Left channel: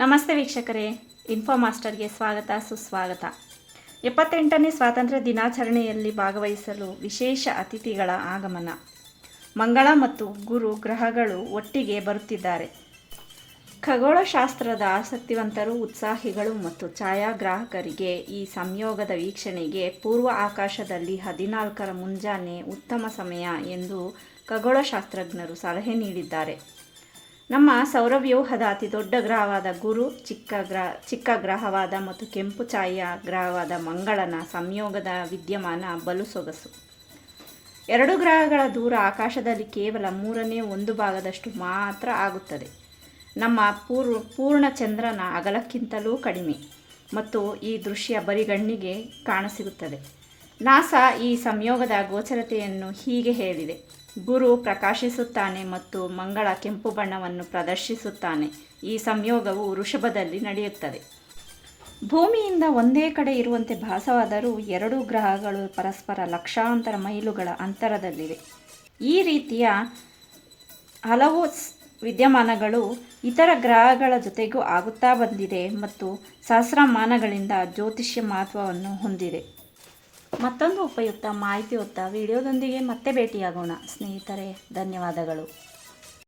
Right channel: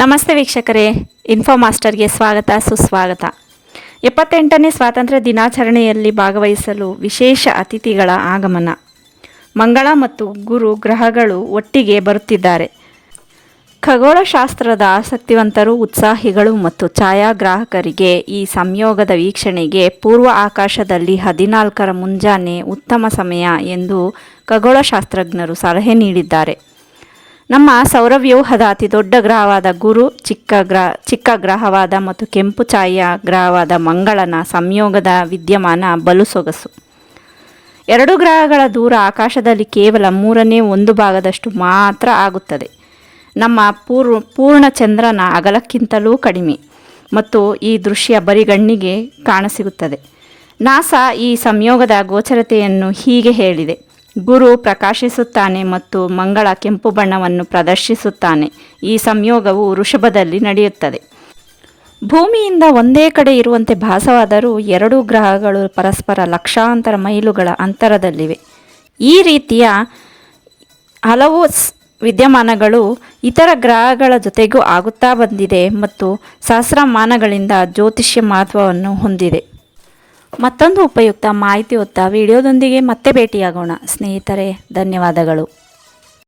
ನಮಸ್ತೆ ವೀಕ್ಷಕರೇ ಇನ್ಫೋ ಮಾಸ್ಟರ್ಗೆ ಸ್ವಾಗತ, ಸುಸ್ವಾಗತ. ಎಪ್ಪತ್ತೆಂಟನೇ ಸ್ವಾತಂತ್ರ್ಯ ದಿನಾಚರಣೆಯಲ್ಲಿ ಭಾಗವಹಿಸಲು ವಿಶೇಷ ಅತಿಥಿಗಳ ಆಗಮನ. ಮಂಗಳ ಮತ್ತು ಗುರು ಗ್ರಹಗಳು ಒಟ್ಟಿಗೆ ಬರುತ್ತಿದ್ದಾರೆ. ಖಗೋಳಶಾಸ್ತ್ರದ ಆಸಕ್ತಿವಂತರು, ಉತ್ಸಾಹಿಗಳು ಮತ್ತು ಛಾಯಾಗ್ರಾಹಕರಿಗೆ ಈ ಸಂಯೋಗದ ವೀಕ್ಷಣೆಗೆ ಪೂರ್ವ ಆಕಾಶದಲ್ಲಿ ಹದಿನಾಲ್ಕರ ಮುಂಜಾನೆ ಉತ್ತಮ ಸಮಯ ಎಂದು ಖಗೋಳಶಾಸ್ತ್ರಜ್ಞರು ಸಲಹೆ ನೀಡಿದ್ದಾರೆ. ನಮ್ಮ ಸೌರವ್ಯೂಹದ ಅತಿ ದೊಡ್ಡ ಗ್ರಹವಾದ ಗುರು, ಚಿಕ್ಕ ಗ್ರಹ ಚಿಕ್ಕ ಗ್ರಹವಾದ ಮತ್ತು ಕೆಂಪು ಛಾಯಾ ಗ್ರಹವಾದ ಮಂಗಳನ ಸಂಯೋಗದ ವಿದ್ಯಮಾನ ಬಲು ಸೊಗಸು. ಎರಡು ಗ್ರಹಗಳ ದೂರ ಆಕಾಶದಲ್ಲಿ ಕೇವಲ ಮೂರನೇ ಒಂದು ಭಾಗದಷ್ಟು ಮಾತ್ರ ಆಗುತ್ತದೆ. ನಮ್ಮ ಪೂರ್ಣ ಚಂದ್ರನ ಅಗಲಕ್ಕಿಂತಲೂ ಕಡಿಮೆ ಮತ್ತು ಈ ದೃಶ್ಯ ಬರಿಗಣ್ಣಿಗೆ ಕಾಣಸಿಗುತ್ತದೆ. ನಾಸಾ ಈ ಸಂಯೋಗದ ಗೋಚರತೆಯನ್ನು ಹೀಗೆ ಹೇಳಿದೆ. ಗುರು ಪ್ರಕಾಶಿಸುತ್ತಾನೆ ಮತ್ತು ಮಂಗಳ ಕೆಂಪು ಬಣ್ಣವನ್ನು ಪ್ರದರ್ಶಿಸುತ್ತಾನೆ. ಈ ಸಂಯೋಗವು ವೃಷಭದಲ್ಲಿ ನಡೆಯುತ್ತದೆ. ಭೂಮಿಯಿಂದ ಒಂದೇ ಕಡೆ ಇರುವಂತೆ ಭಾಸವಾದರೂ ಎರಡೂ ಗ್ರಹಗಳು ಪರಸ್ಪರ ಲಕ್ಷಾಂತರ ಮೈಲುಗಳ ಅಂತರದಲ್ಲಿವೆ. ಈ ರೀತಿಯ ಹಲವು ವಿದ್ಯಮಾನಗಳು ಇತರ ಗ್ರಹಗಳ ಜೊತೆಗೂ ಆಗುತ್ತಾ ಬಂದಿದೆ ಮತ್ತು ಸಹಸ್ರಮಾನಗಳಿಂದ ಜ್ಯೋತಿಷ್ಯ ಮಹತ್ವವನ್ನು ಹೊಂದಿದೆ. ಮತ್ತೊಂದು ಉಪಯುಕ್ತ ಮಾಹಿತಿ ಹೊತ್ತ ವಿಡಿಯೋದೊಂದಿಗೆ ಮತ್ತೆ ಭೇಟಿಯಾಗೋಣ. ಸ್ನೇಹಿತರೆ ಧನ್ಯವಾದಗಳು.